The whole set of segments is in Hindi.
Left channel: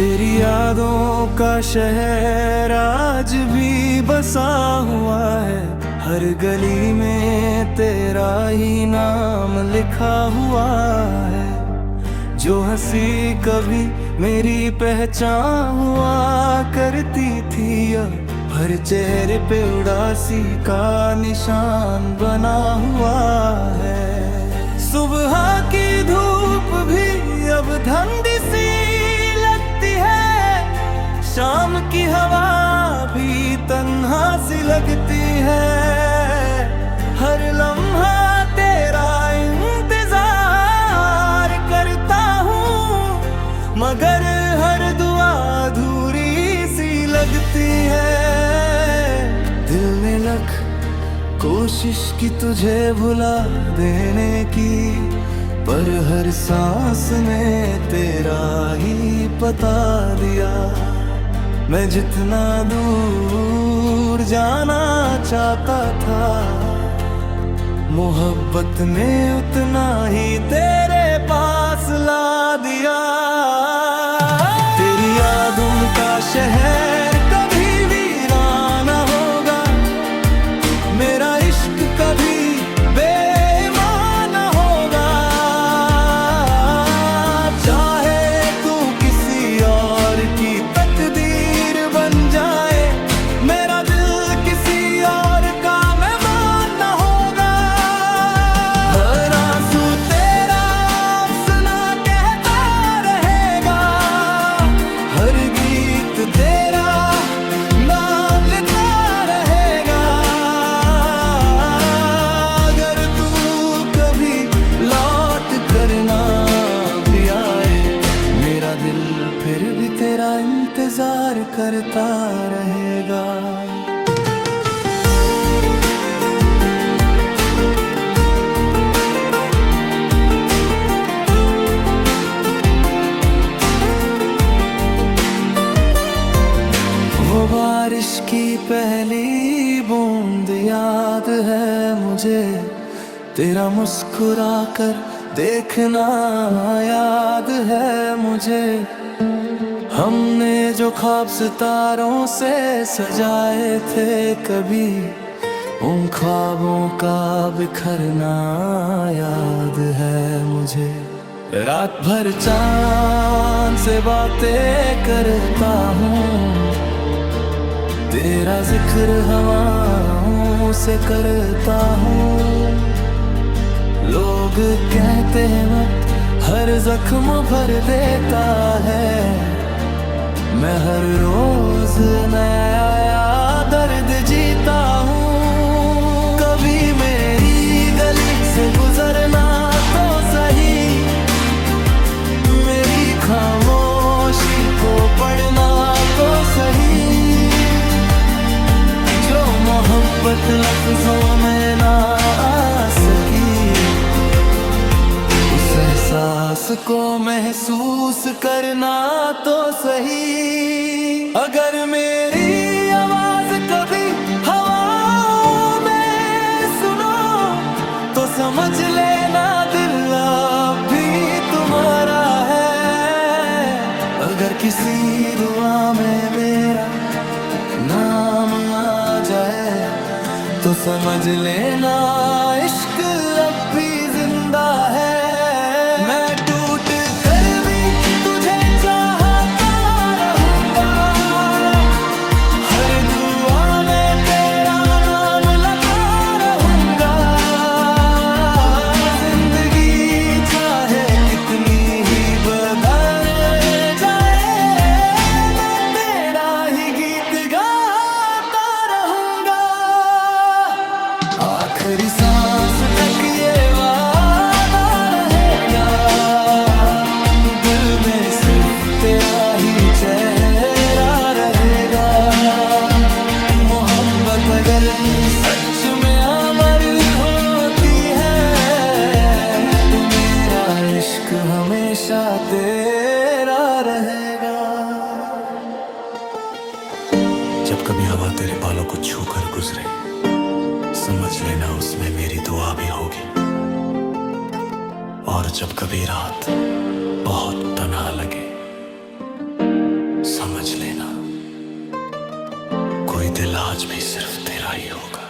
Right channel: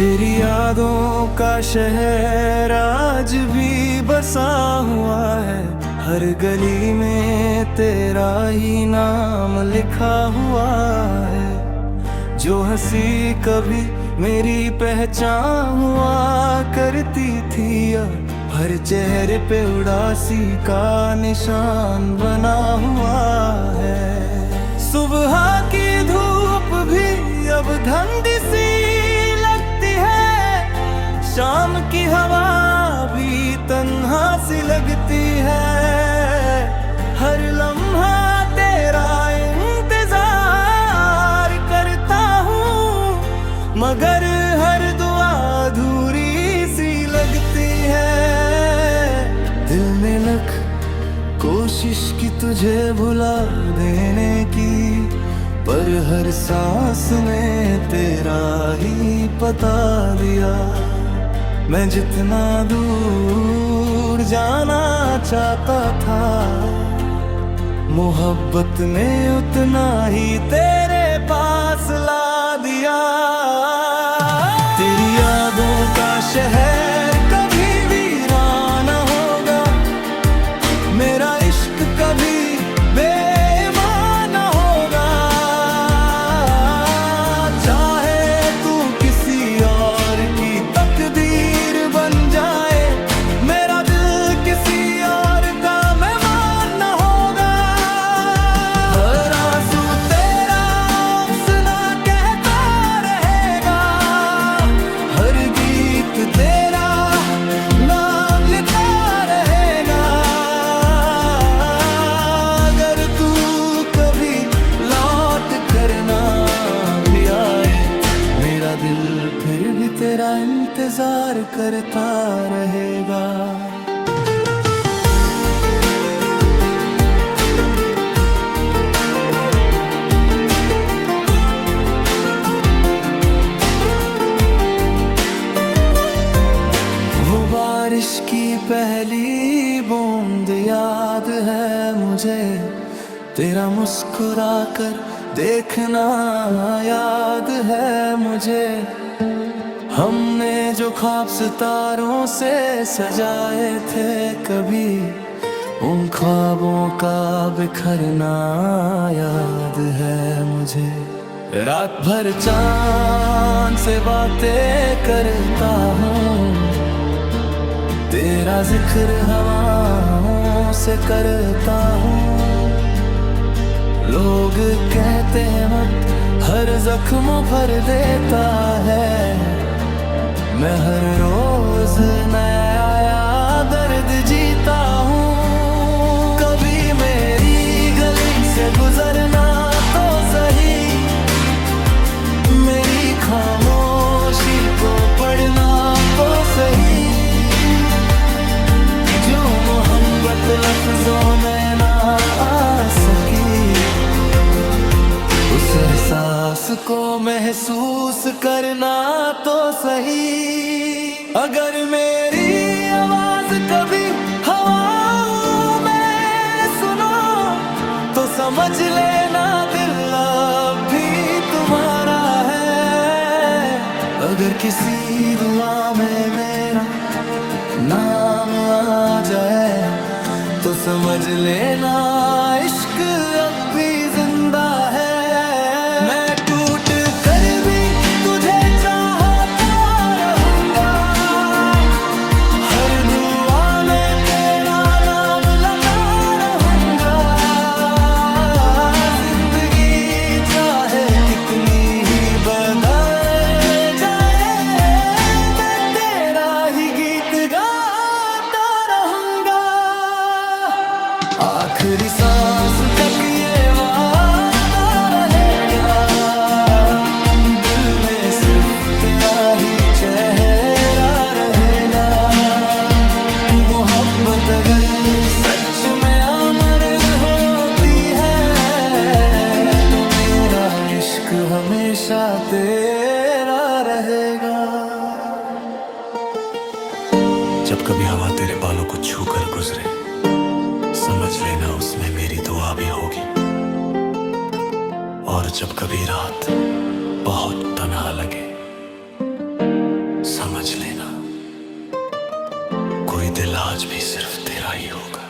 तेरी यादों का शहर आज भी बसा हुआ है। हर गली में तेरा ही नाम लिखा हुआ है। जो हंसी कभी मेरी पहचान हुआ करती थी, अब हर चेहरे पे उदासी का निशान बना हुआ है। सुबह की धूप भी अब धंधी सी लगती है, शाम की हवा भी तन्हा सी लगती है। हर लम्हा तेरा इंतजार करता हूँ, मगर हर दुआ अधूरी सी लगती है। दिल ने लख कोशिश की तुझे भुला देने की, पर हर सांस ने तेरा ही पता दिया। मैं जितना दूर जाना चाहता था, मोहब्बत ने उतना ही तेरे पास ला दिया। तेरी यादों का शहर कभी वीरान न होगा, मेरा इश्क कभी बेईमान न होगा। चाहे तू किसी और की तकदीर बन जाए, मेरा दिल किसी और का मेहमान न होगा। हर आंसू तेरा अफसाना कहता रहेगा, हर गीत तेरा नाम लेता रहेगा। अगर तू कभी लौट कर ना भी आए, मेरा दिल फिर भी तेरा इंतजार करता रहेगा। वो बारिश की पहली बूंद याद है मुझे, तेरा मुस्कुरा कर देखना याद है मुझे। हमने जो ख्वाब सितारों से सजाए थे कभी, उन ख्वाबों का बिखरना याद है मुझे। रात भर चांद से बातें करता हूँ, तेरा जिक्र हवाओं से करता हूँ। लोग कहते हैं मत हर जख्म भर देता है, मैं हर रोज नया दर्द जीता हूँ। कभी मेरी गली से गुजरना तो सही, मेरी खामोशी को पढ़ना तो सही। जो मोहब्बत लफ्जों में ना आ सकी, उस एहसास को महसूस करना तो सही। अगर मेरी आवाज कभी हवाओं में सुनो, तो समझ लेना दिल अब भी तुम्हारा है। अगर किसी दुआ में मेरा नाम आ जाए, तो समझ लेना इश्क अब भी जिंदा है। मैं टूट कर भी तुझे चाहता रहूंगा, हर दुआ में तेरा नाम लगा रहूंगा। जिंदगी चाहे कितनी ही बदल जाए, मैं तेरा ही गीत गाता रहूंगा। आखिरी सांस तक ये वादा रहेगा, दिल में सिर्फ तेरा ही चेहरा रहेगा। मोहब्बत अगर सच में अमर होती है, तो मेरा इश्क हमेशा तेरा रहेगा। जब कभी हवा तेरे बालों को छू कर गुजरे, समझ लेना उसमें मेरी दुआ भी होगी। और जब कभी रात बहुत तन्हा लगे, समझ लेना कोई दिल आज भी सिर्फ तेरा ही होगा।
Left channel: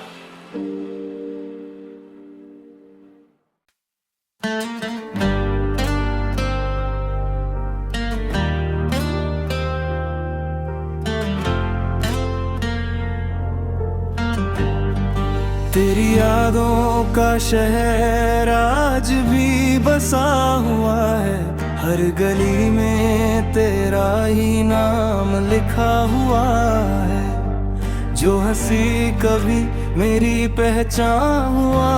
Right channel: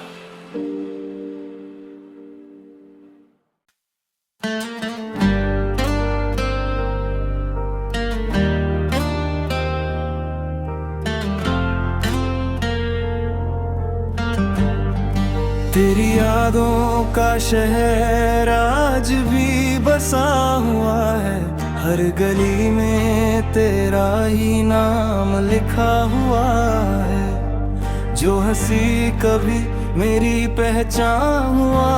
तेरी यादों का शहर आज भी बसा हुआ है, हर गली में तेरा ही नाम लिखा हुआ है। जो हंसी कभी मेरी पहचान हुआ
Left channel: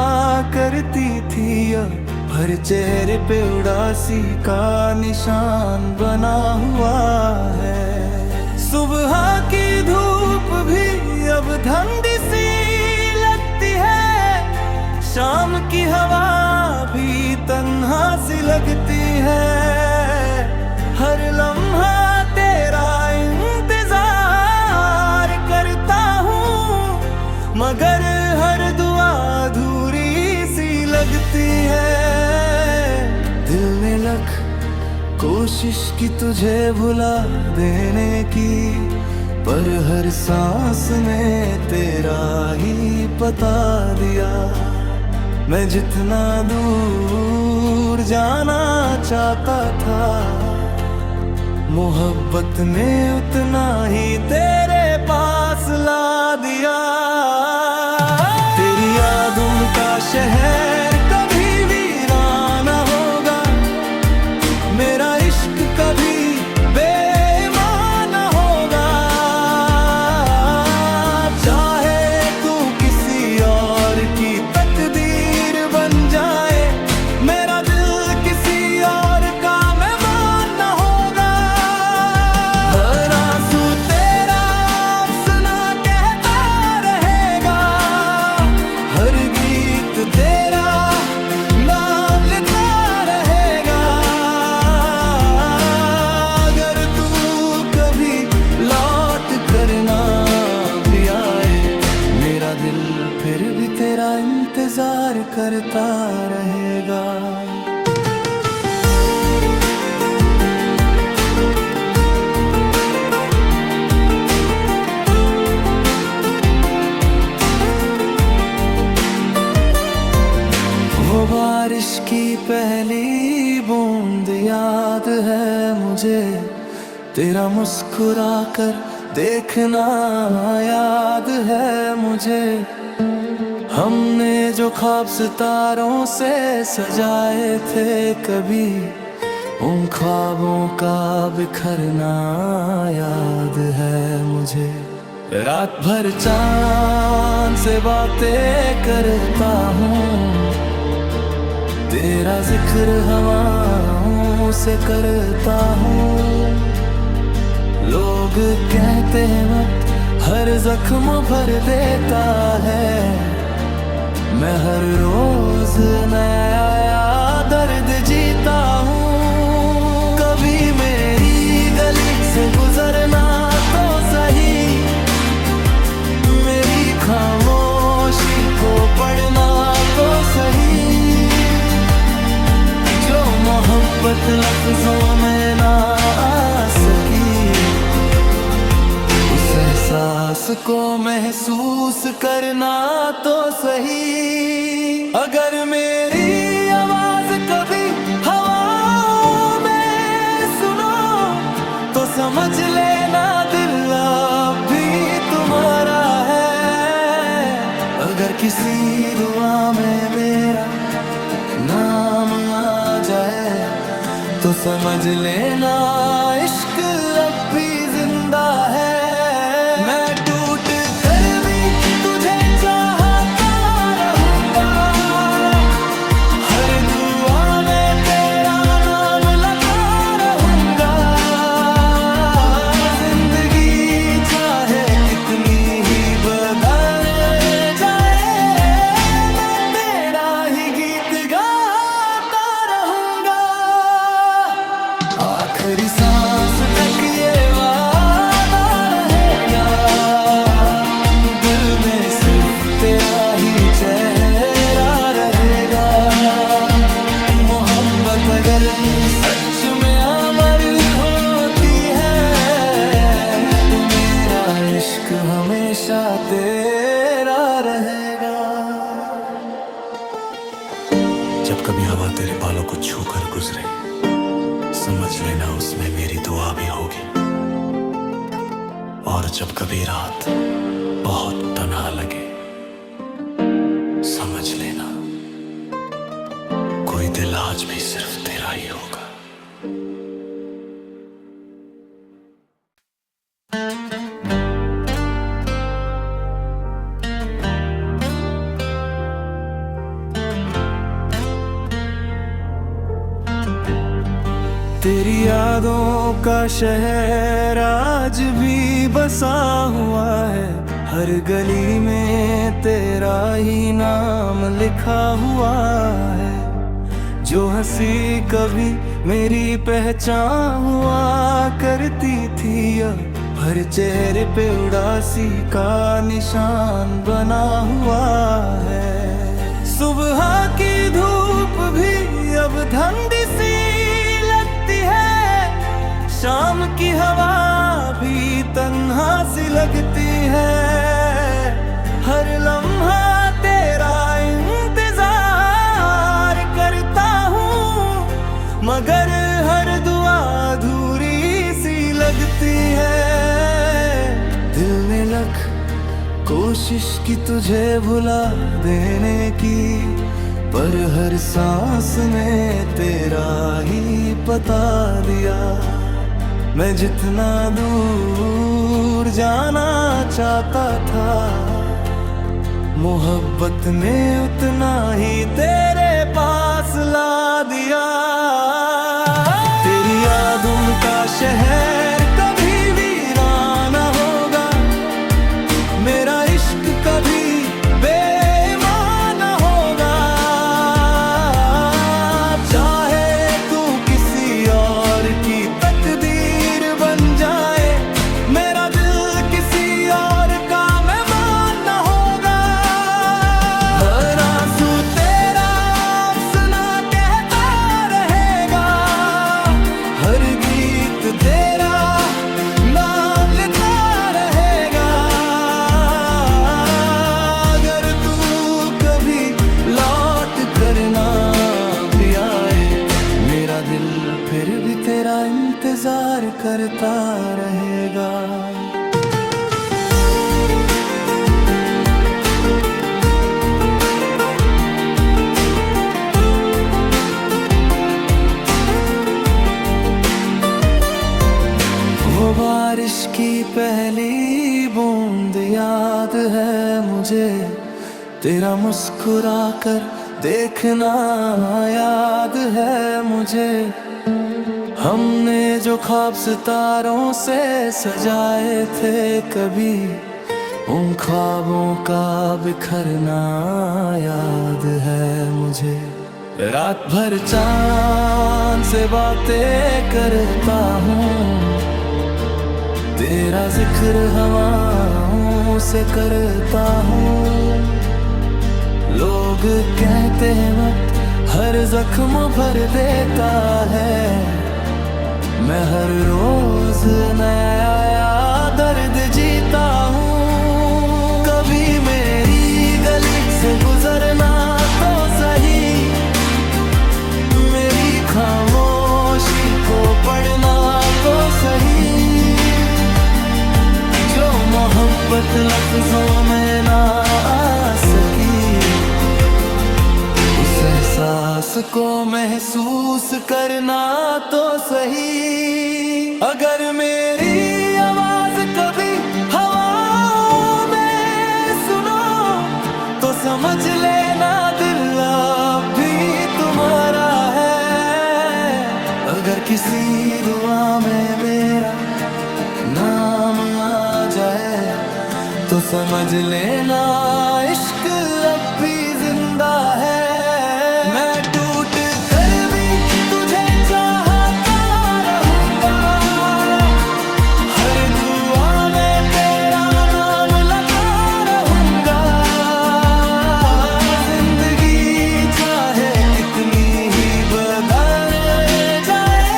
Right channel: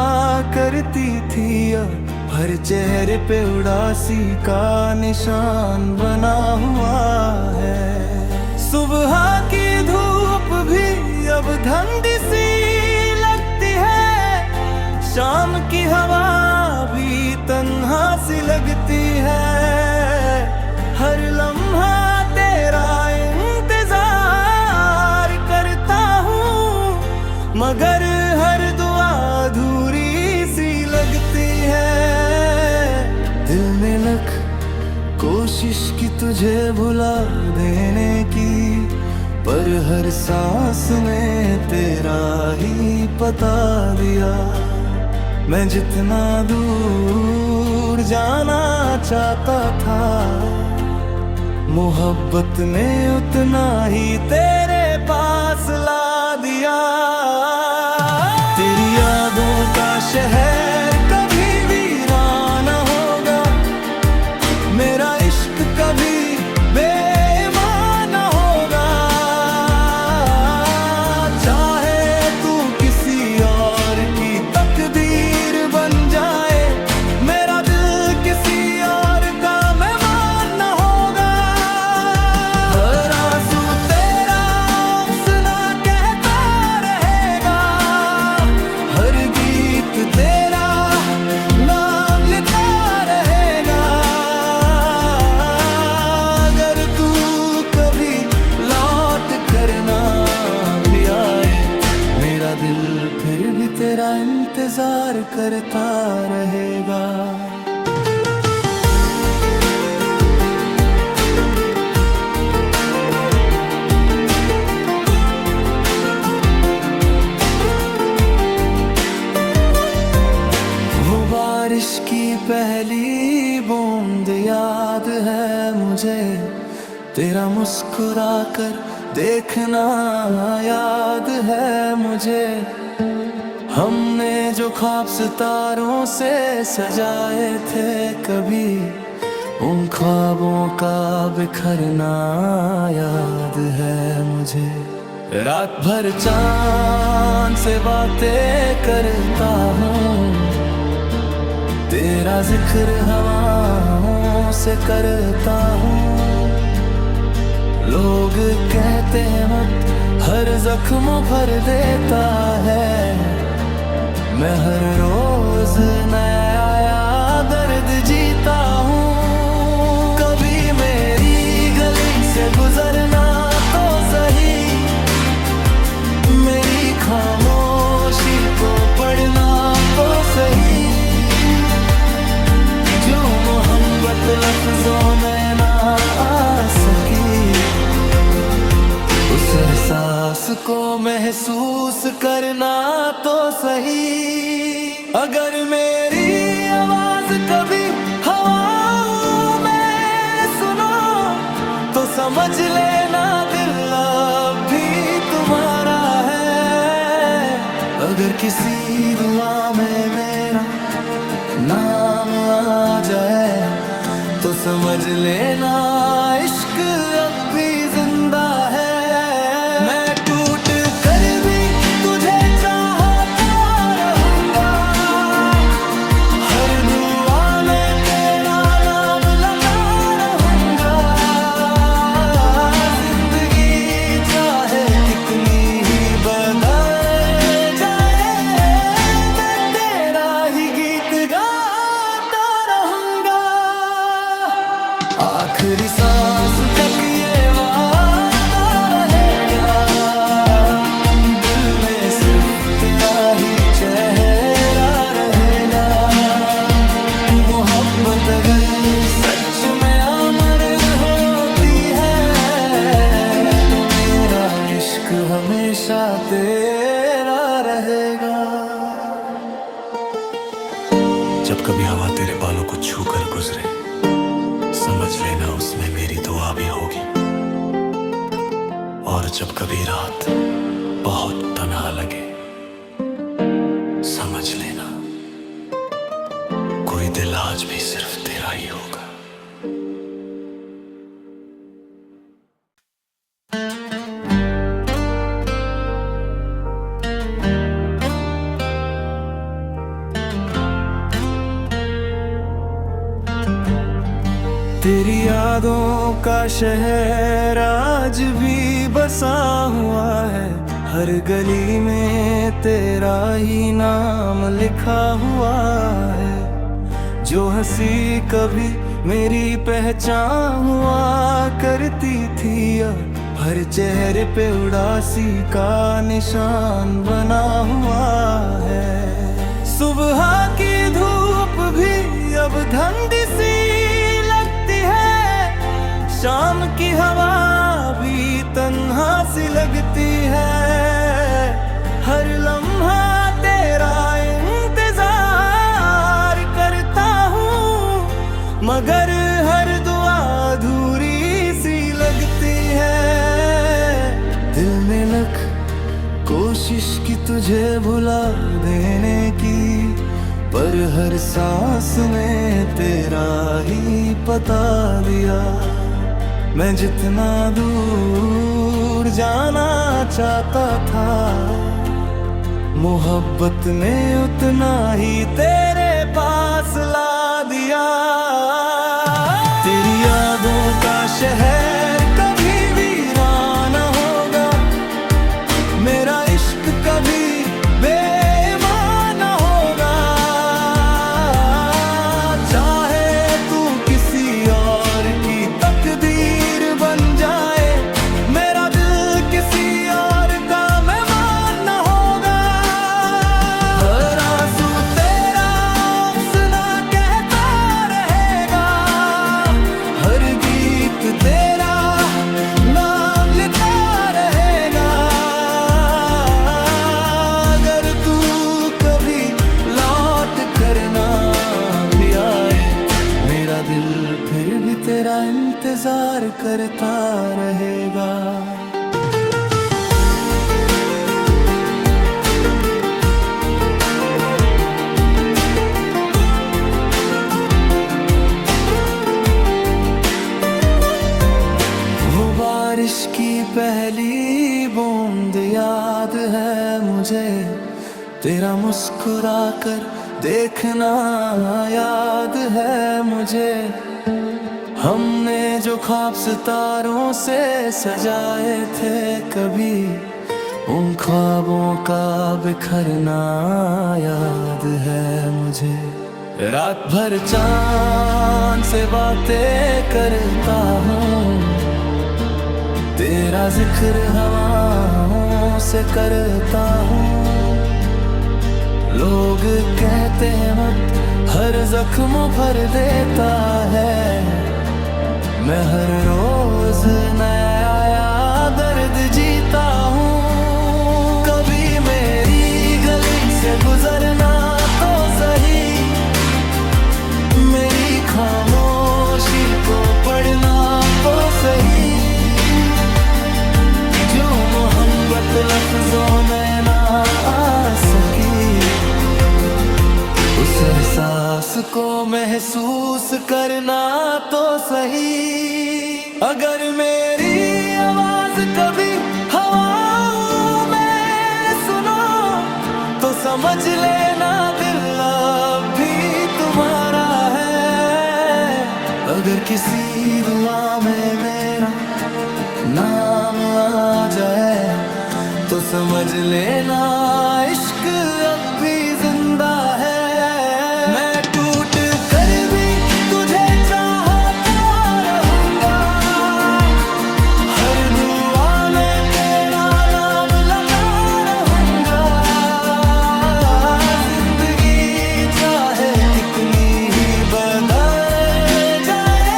करती थी, अब हर चेहरे पे उदासी का निशान बना हुआ है। सुबह की धूप भी अब धंधी सी लगती है, शाम की हवा भी तन्हा सी लगती है। हर लम्हा तेरा इंतजार करता हूँ, मगर हर दुआ अधूरी सी लगती है। दिल ने लख कोशिश की तुझे भुला देने की, पर हर सांस ने तेरा ही पता दिया। मैं जितना दूर जाना चाहता था, मोहब्बत ने उतना ही तेरे पास ला दिया। तेरी यादों का शहर कभी वीराना होगा, मेरा इश्क कभी बेईमान होगा। चाहे तू किसी और की तकदीर बन जाए, मेरा दिल किसी और का मेहमान न होगा। हर आंसू तेरा अफसाना कहता रहेगा, हर गीत तेरा नाम लेता रहेगा। अगर तू कभी लौट करना भी आए, मेरा दिल फिर भी तेरा इंतजार करता रहेगा। वो बारिश की पहली बूंद याद है मुझे, तेरा मुस्कुरा कर देखना याद है मुझे। हमने जो ख्वाब सितारों से सजाए थे कभी, उन ख्वाबों का बिखरना याद है मुझे। रात भर चांद से बातें करता हूँ, तेरा जिक्र हवाओं से करता हूँ। लोग कहते हैं वक्त हर जख्म भर देता है, मैं हर रोज नया दर्द जीता हूँ। कभी मेरी गली से गुजरना तो सही, मेरी खामोशी को पढ़ना तो सही। जो मोहब्बत लफ्जों में ना आ सकी, उस एहसास को महसूस करना तो सही। अगर मेरी आवाज कभी हवाओं में सुनो, तो समझ लेना दिल अब भी तुम्हारा है। अगर किसी दुआ में मेरा नाम आ जाए, तो समझ लेना इश्क अब भी जिंदा है। मैं टूट कर भी तुझे चाहता रहूंगा, हर दुआ में तेरा नाम लगा रहूंगा। जिंदगी चाहे कितनी ही बदल जाए, मैं तेरा ही गीत गाता रहूंगा। आखिरी सांस तक ये वादा रहेगा, दिल में सिर्फ तेरा ही चेहरा रहेगा। मोहब्बत अगर सच में अमर होती है, इश्क हमेशा तेरा रहेगा। जब कभी हवा तेरे बालों को छू कर गुजरे, समझ लेना उसमें मेरी दुआ भी होगी। और जब कभी रात बहुत तन्हा लगे, समझ लेना कोई दिल आज भी सिर्फ तेरा ही होगा। तेरी यादों का शहर आज भी बसा हुआ है, हर गली में तेरा ही नाम लिखा हुआ है। जो हंसी कभी मेरी पहचान हुआ करती थी, अब हर चेहरे पे उदासी का निशान बना हुआ है। सुबह की धूप भी अब ठंडी सी लगती है, शाम की हवा भी तन्हा सी लगती है। हर लम्हा तेरा इंतजार करता हूँ, मगर हर दुआ अधूरी सी लगती है। दिल ने लख कोशिश की तुझे भुला देने की, पर हर सांस ने तेरा ही पता दिया। मैं जितना दूर जाना चाहता था, मोहब्बत ने उतना ही तेरे पास ला दिया। तेरी यादों का शहर कभी वीरान न होगा, मेरा इश्क कभी बेईमान न होगा। चाहे तू किसी और की तकदीर बन जाए, मेरा दिल किसी और का मेहमान न होगा। हर आंसू तेरा अफसाना कहता रहेगा, हर गीत तेरा नाम लेता रहेगा। अगर तू कभी लौट करना भी आए, मेरा दिल फिर भी तेरा इंतजार करता रहेगा। वो बारिश की पहली बूंद याद है मुझे, तेरा मुस्कुराकर देखना याद है मुझे। हमने जो ख्वाब सितारों से सजाए थे कभी, उन ख्वाबों का बिखरना याद है मुझे। रात भर चांद से बातें करता हूँ, तेरा जिक्र हवाओं से करता हूँ। लोग कहते हैं मत हर जख्म भर देता है, मैं हर रोज नया दर्द जीता हूँ। कभी मेरी गली से गुजरना तो सही, मेरी खामोशी को पढ़ना तो सही। जो मोहब्बत लफ्जों में ना आ सकी, उस एहसास को महसूस करना तो सही। अगर मेरी आवाज कभी हवाओं में सुनो, तो समझ लेना दिल अब भी तुम्हारा है। अगर किसी दुआ में मेरा नाम आ जाए, तो समझ लेना इश्क अब भी जिंदा है। मैं टूट कर भी तुझे चाहता रहूंगा, हर दुआ में तेरा नाम लगा रहूंगा। जिंदगी चाहे कितनी ही बदल जाए,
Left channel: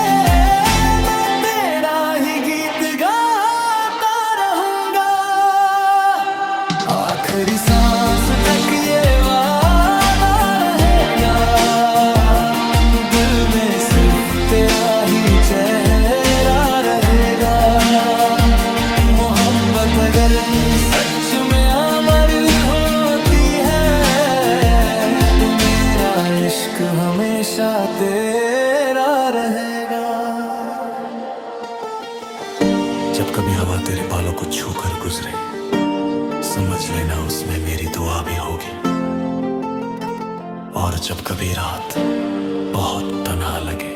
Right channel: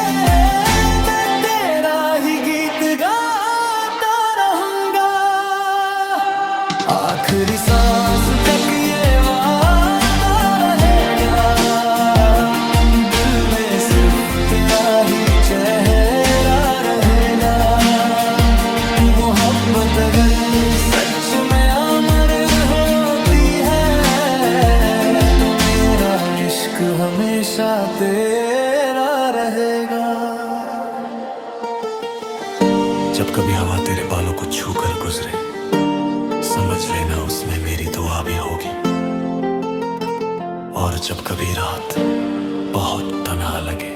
मैं तेरा ही गीत गाता रहूंगा। आखिरी सांस तक ये वादा रहेगा, दिल में सिर्फ तेरा ही चेहरा रहेगा। मोहब्बत अगर सच में अमर होती है तो मेरा इश्क हमेशा तेरा रहेगा। जब कभी हवा तेरे बालों को छू कर गुजरे, समझ लेना उसमें मेरी दुआ भी होगी। और जब कभी रात बहुत तन्हा लगे,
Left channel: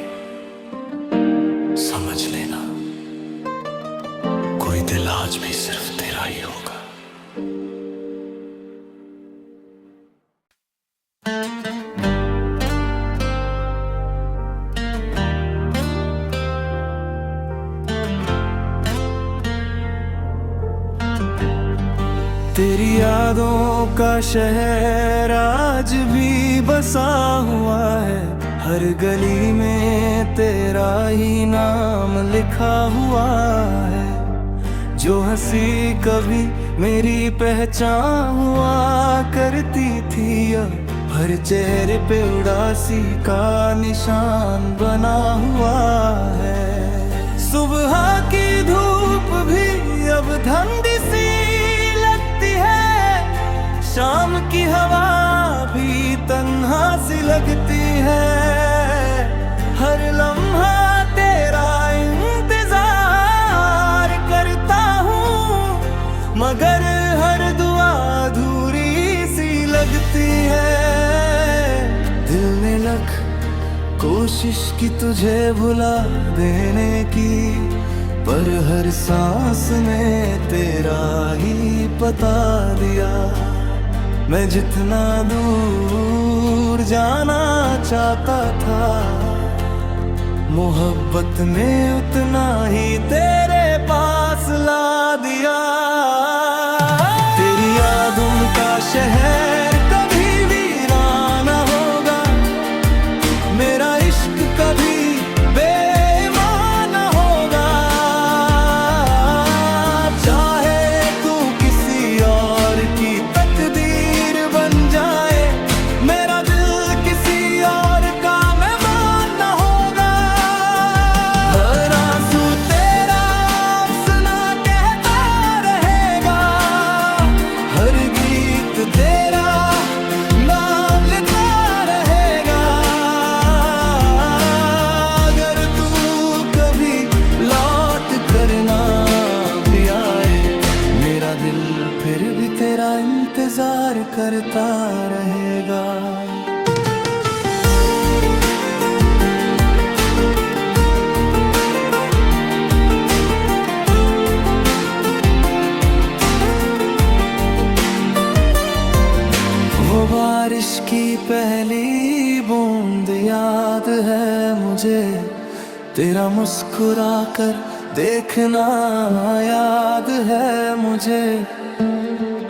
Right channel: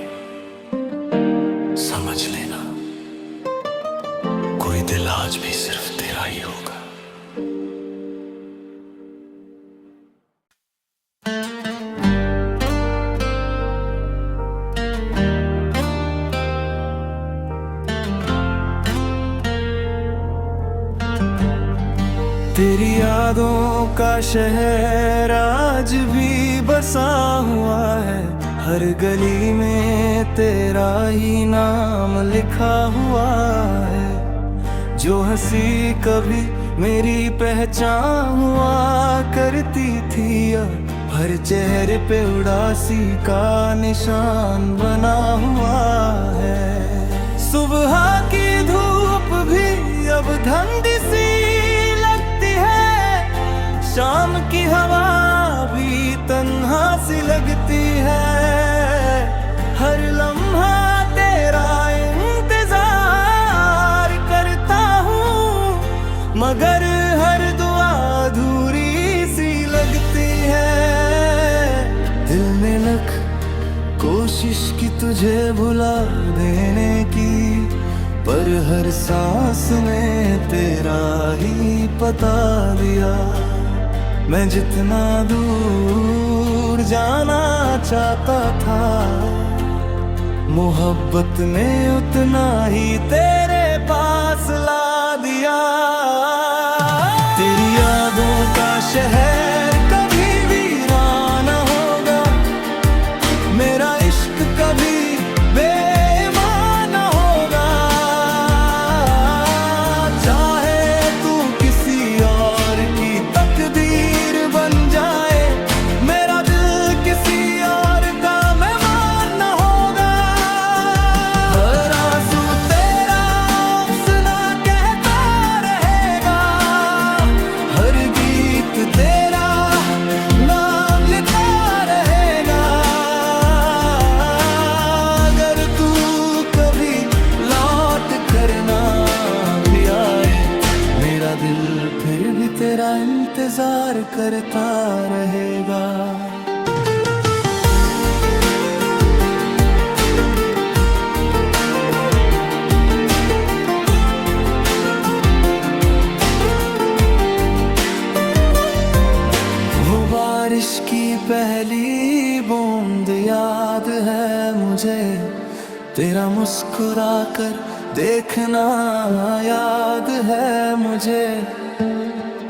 समझ लेना कोई दिल आज भी सिर्फ तेरा ही होगा। तेरी यादों का शहर आज भी बसा हुआ है, हर गली में तेरा ही नाम लिखा हुआ है। जो हंसी कभी मेरी पहचान हुआ करती थी, अब हर चेहरे पे उदासी का निशान बना हुआ है। सुबह की धूप भी अब धंधी सी लगती है, शाम की हवा भी तन्हा सी लगती है। हर लम्हा तेरा इंतजार करता हूँ, मगर हर दुआ अधूरी सी लगती है। दिल ने लख कोशिश की तुझे भुला देने की, पर हर सांस ने तेरा ही पता दिया। मैं जितना दूर जाना चाहता था, मोहब्बत ने उतना ही तेरे पास ला दिया। तेरी यादों का शहर कभी वीरान होगा, मेरा इश्क कभी बेईमान होगा। चाहे तू किसी और की तकदीर बन जाए, मेरा दिल किसी और का मेहमान न होगा। हर आंसू तेरा अफसाना कहता रहेगा, हर गीत तेरा नाम लेता रहेगा। अगर तू कभी लौट कर ना भी आए, मेरा दिल फिर भी तेरा इंतजार करता रहेगा। वो बारिश की पहली बूंद याद है मुझे, तेरा मुस्कुरा कर देखना याद है मुझे।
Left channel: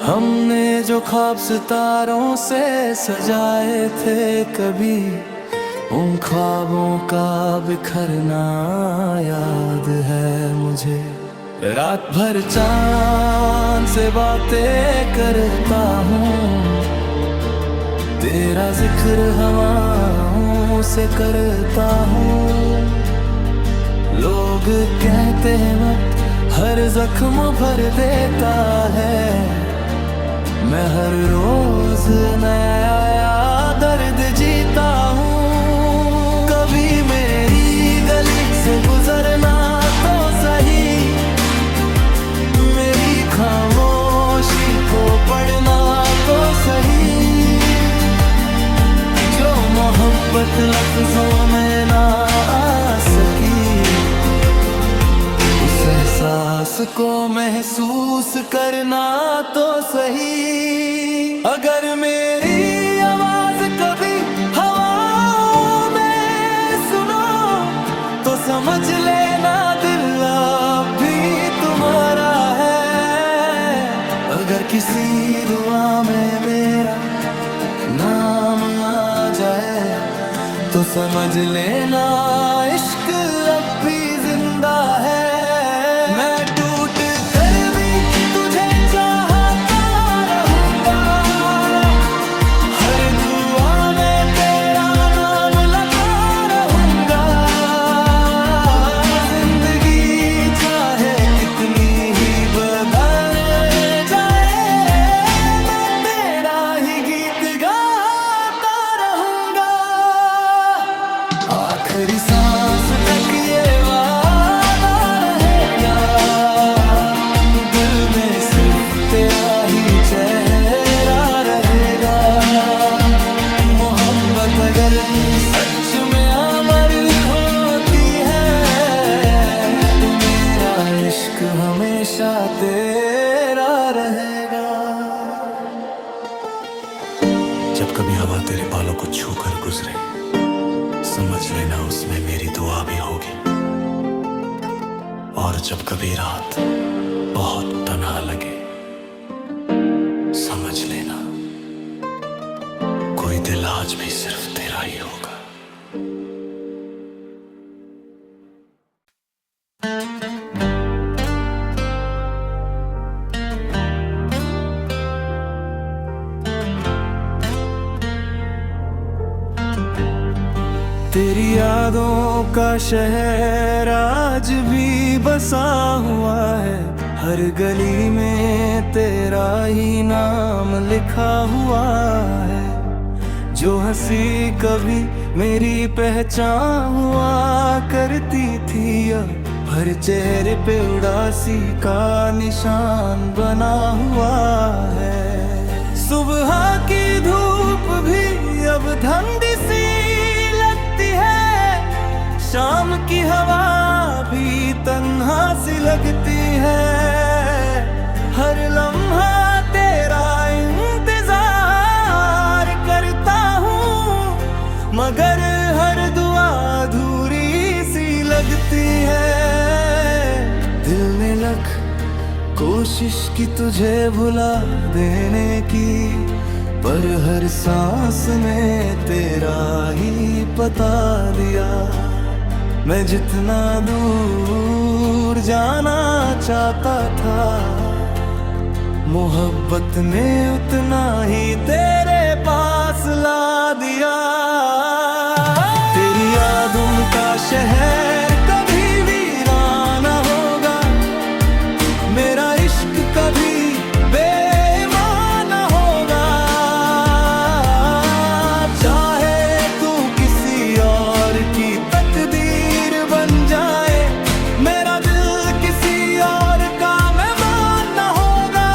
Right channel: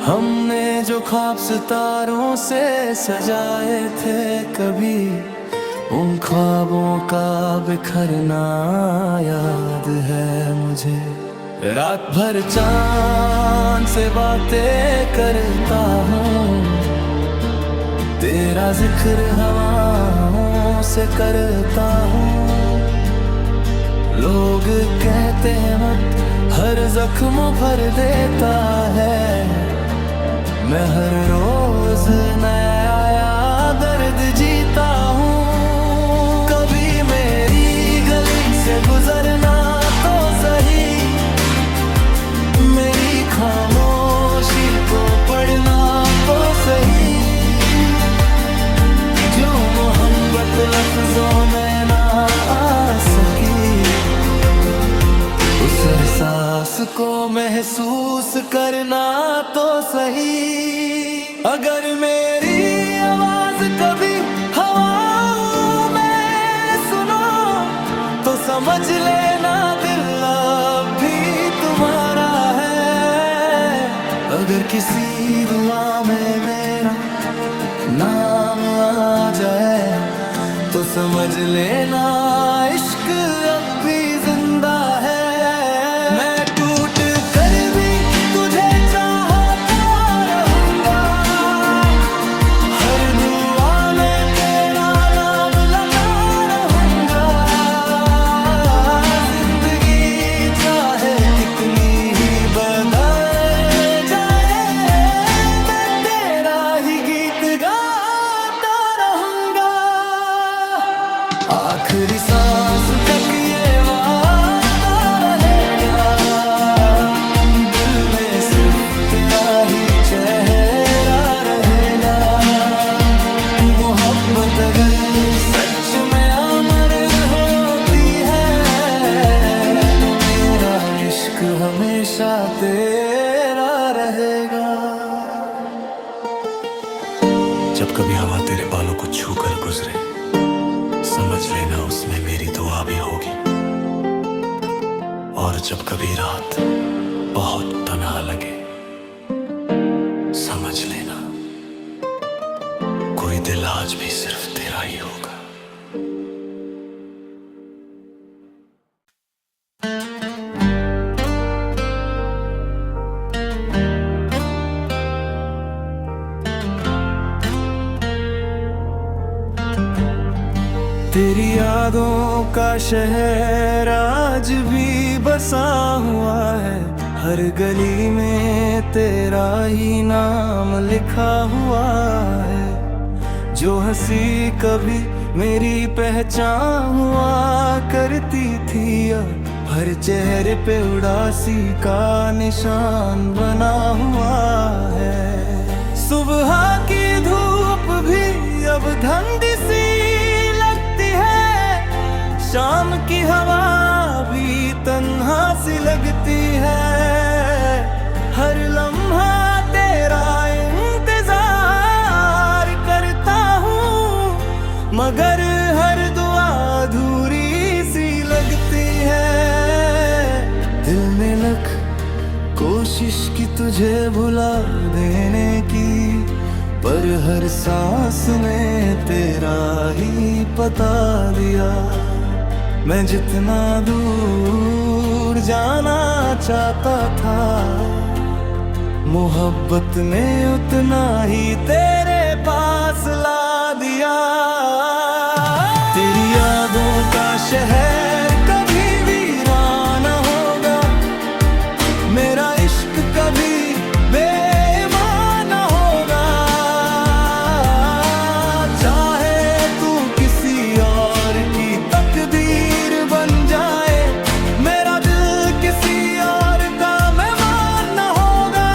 हमने जो ख्वाब सितारों से सजाए थे कभी, उन ख्वाबों का बिखरना याद है मुझे। रात भर चांद से बातें करता हूँ, तेरा जिक्र हवाओं से करता हूँ। लोग कहते हैं मत हर जख्म भर देता है, मैं हर रोज नया दर्द जीता हूँ। कभी मेरी गली से गुजरना तो सही, मेरी खामोशी को पढ़ना तो सही। जो मोहब्बत लफ्जों में ना आ सकी, उस एहसास को महसूस करना तो सही। अगर मेरी आवाज कभी हवाओं में सुनो, तो समझ लेना दिल अब भी तुम्हारा है। अगर किसी दुआ में मेरा नाम आ जाए, तो समझ लेना इश्क अब भी जिंदा है। मैं टूट कर भी तुझे चाहता रहूंगा, आखिरी सांस तक ये वादा रहेगा, दिल में सिर्फ तेरा ही चेहरा रहेगा। मोहब्बत अगर सच में अमर होती है तो मेरा इश्क हमेशा तेरा रहेगा। जब कभी हवा तेरे बालों को छू कर गुजरे, समझ लेना उसमें मेरी दुआ भी होगी। और जब कभी रात बहुत तन्हा लगे, समझ लेना कोई दिल आज भी सिर्फ तेरा ही होगा। तेरी यादों का शहर आज भी बसा हुआ है, हर गली में तेरा ही नाम लिखा हुआ है। जो हंसी कभी मेरी पहचान हुआ करती थी, अब हर चेहरे पे उदासी का निशान बना हुआ है। सुबह की धूप भी अब धंधी सी लगती है, शाम की हवा भी तन्हा सी लगती है। हर लम्हा तेरा इंतजार करता हूँ, मगर हर दुआ अधूरी सी लगती है। दिल ने लख कोशिश की तुझे भुला देने की, पर हर सांस ने तेरा ही पता दिया। मैं जितना दूर जाना चाहता था, मोहब्बत ने उतना ही तेरे पास ला दिया। तेरी यादों का शहर कभी वीरान न होगा, मेरा इश्क कभी बेईमान न होगा। चाहे तू किसी और की तकदीर बन जाए, मेरा दिल किसी और का मेहमान न होगा।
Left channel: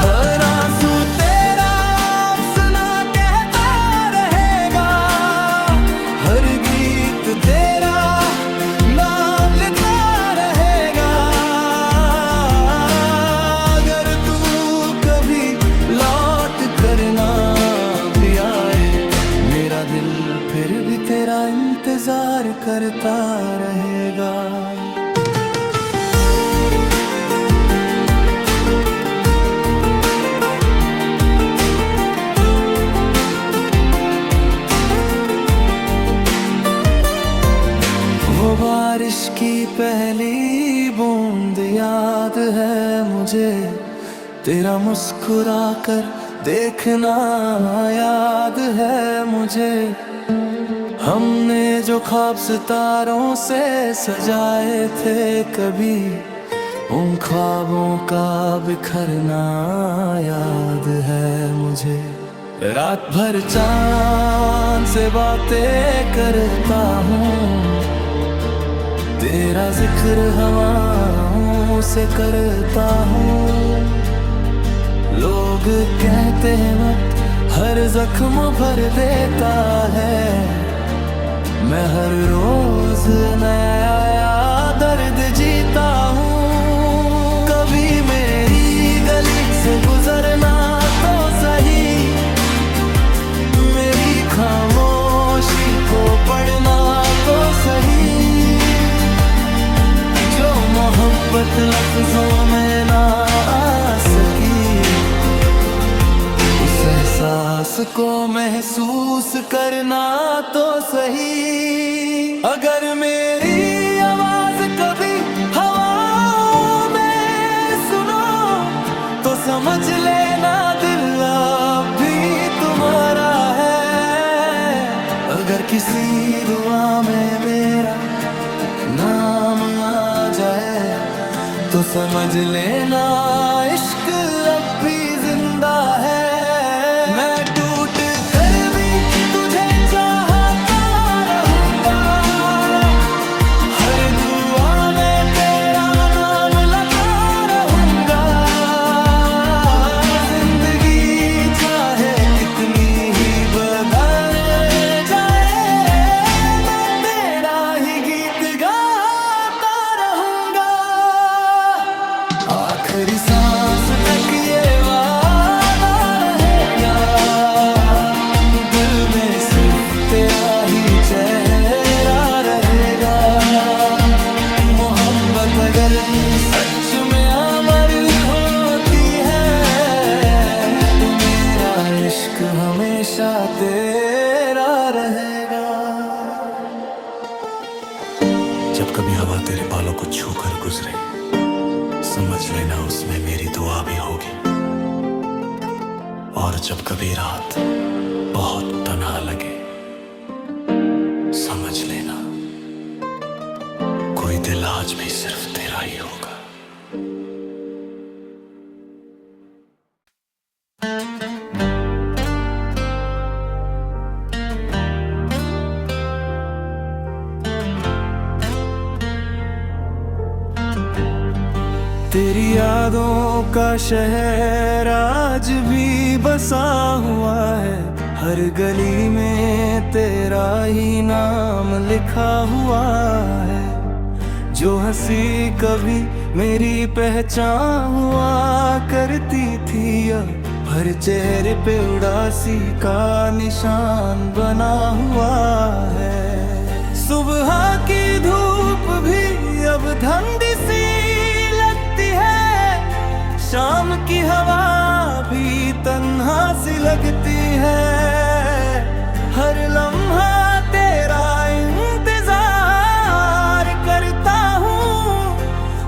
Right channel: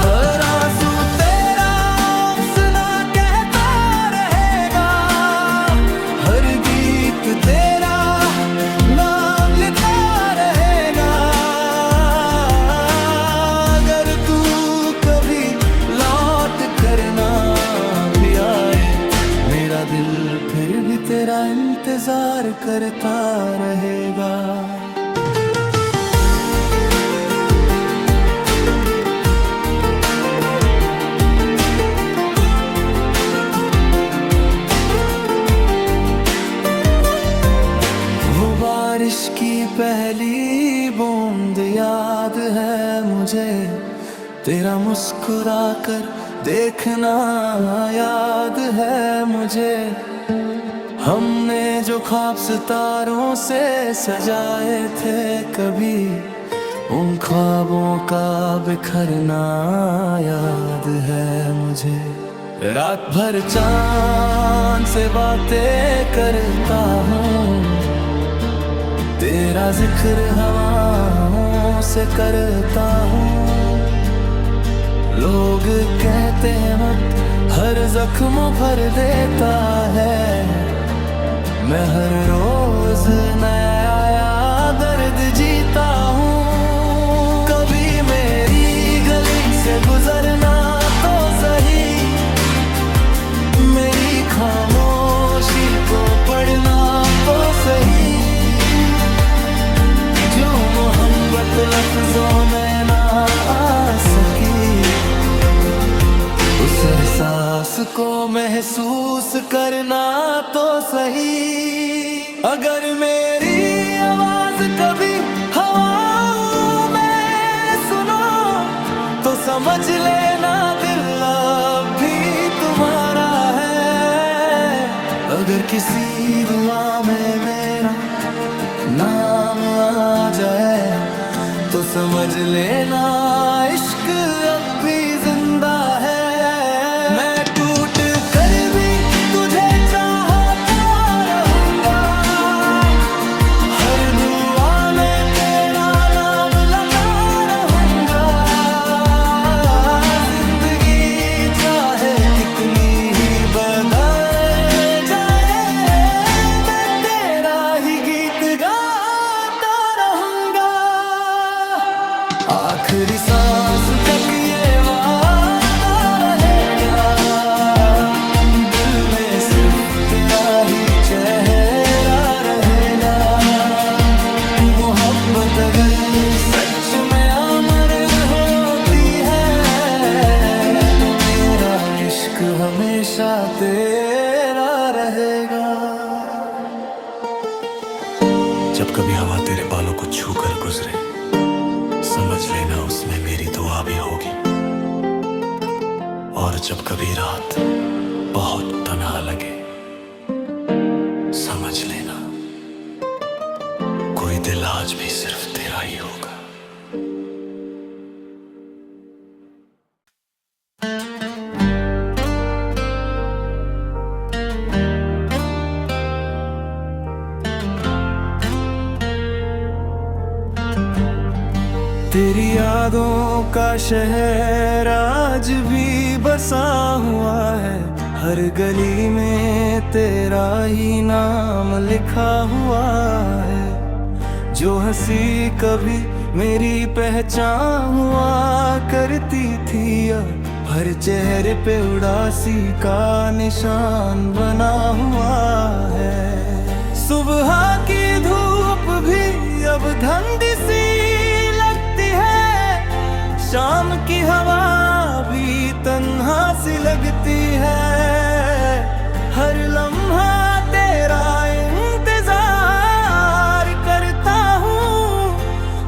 हर आंसू तेरा अफसाना कहता रहेगा, हर गीत तेरा नाम लेता रहेगा। अगर तू कभी लौट करना भी आए, मेरा दिल फिर भी तेरा इंतजार करता रहेगा। वो बारिश की पहली बूंद याद है मुझे, तेरा मुस्कुरा कर देखना याद है मुझे। हमने जो ख्वाब सितारों से सजाए थे कभी, उन ख्वाबों का बिखरना याद है मुझे। रात भर चांद से बातें करता हूँ, तेरा जिक्र हवाओं से करता हूँ। लोग कहते हैं वक्त हर जख्म भर देता है, मैं हर रोज नया दर्द जीता हूँ। कभी मेरी गली से गुजरना तो सही, मेरी खामोशी को पढ़ना तो सही। जो मोहब्बत लफ्जों में ना आ सकी, उस एहसास को महसूस करना तो सही। अगर मेरी आवाज कभी हवाओं में सुनो, तो समझ लेना दिल अब भी तुम्हारा है। अगर किसी दुआ में मेरा नाम आ जाए, तो समझ लेना इश्क अब भी जिंदा है। मैं टूट कर भी तुझे चाहता रहूंगा, कितनी ही बदल जाए, मैं तेरा ही गीत गाता रहूंगा। आखिरी सांस तक ये वादा रहेगा, दिल में सिर्फ तेरा ही चेहरा रहेगा। मोहब्बत अगर सच में अमर होती है, तो मेरा इश्क हमेशा तेरा रहेगा। जब कभी हवा तेरे बालों को छू कर गुजरे, समझ लेना उसमें मेरी दुआ भी होगी। और जब कभी रात बहुत तन्हा लगे, समझ लेना कोई दिल आज भी सिर्फ तेरा ही होगा। तेरी यादों का शहर आज भी बसा हुआ है, हर गली में तेरा ही नाम लिखा हुआ है। जो हंसी कभी मेरी पहचान हुआ करती थी, अब हर चेहरे पे उदासी का निशान बना हुआ है। सुबह की धूप भी अब धंधी सी लगती है, शाम की हवा भी तन्हा सी लगती है। हर लम्हा तेरा इंतजार करता हूँ,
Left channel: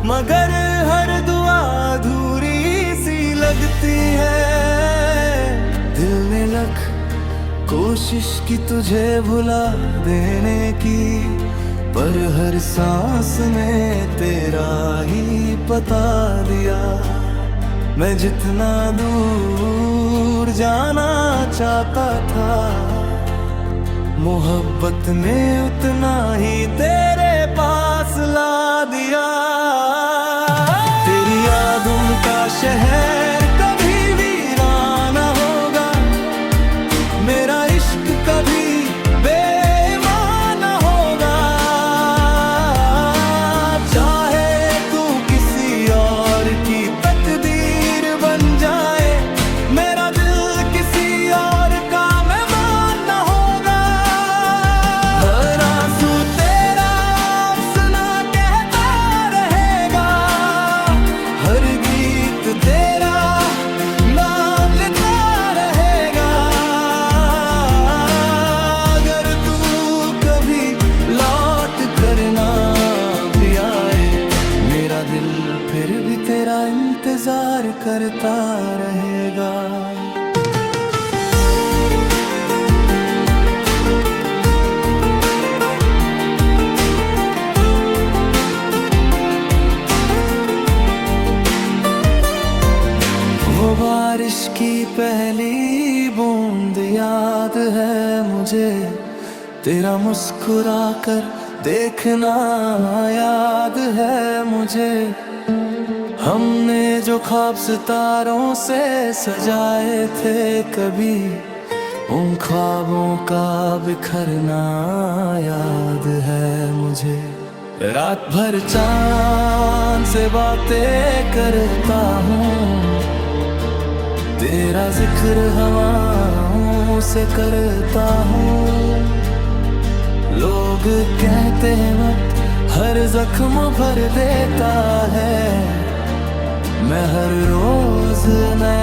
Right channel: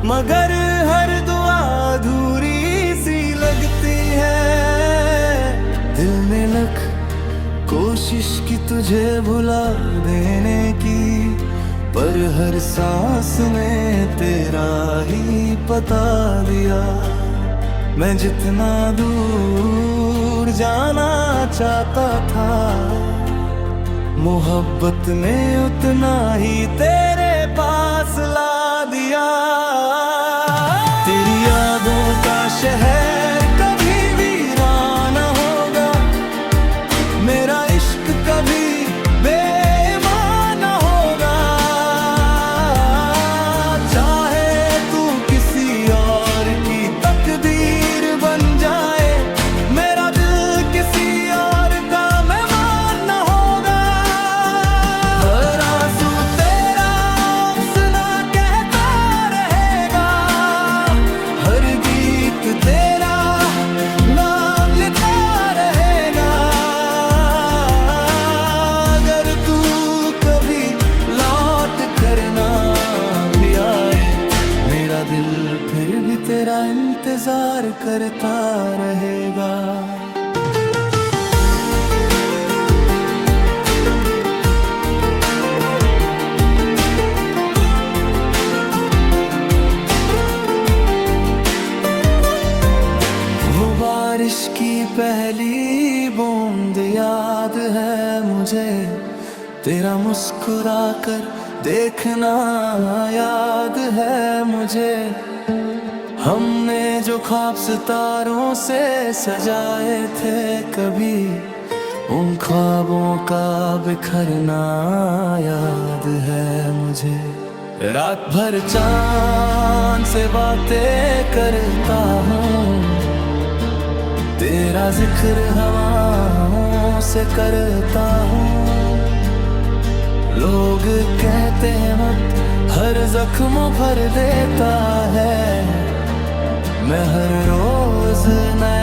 मगर हर दुआ अधूरी सी लगती है। दिल ने लख कोशिश की तुझे भुला देने की, पर हर सांस ने तेरा ही पता दिया। मैं जितना दूर जाना चाहता था, मोहब्बत ने उतना ही तेरे पास ला दिया। तेरी यादों का शहर कभी वीराना होगा, मेरा इश्क कभी बेईमान होगा। चाहे तू किसी और की तकदीर बन जाए, मेरा दिल किसी और का मेहमान न होगा। हर आंसू तेरा अफसाना कहता रहेगा, हर गीत तेरा नाम लेता रहेगा। अगर तू कभी लौट कर ना भी आए, मेरा दिल फिर भी तेरा इंतजार करता रहेगा। वो बारिश की पहली बूंद याद है मुझे, तेरा मुस्कुराकर देखना याद है मुझे। हमने जो ख्वाब सितारों से सजाए थे कभी, उन ख्वाबों का बिखरना याद है मुझे। रात भर चांद से बातें करता हूँ, तेरा जिक्र हवाओं से करता हूँ। लोग कहते हैं वक्त हर जख्म भर देता है, मैं हर रोज नया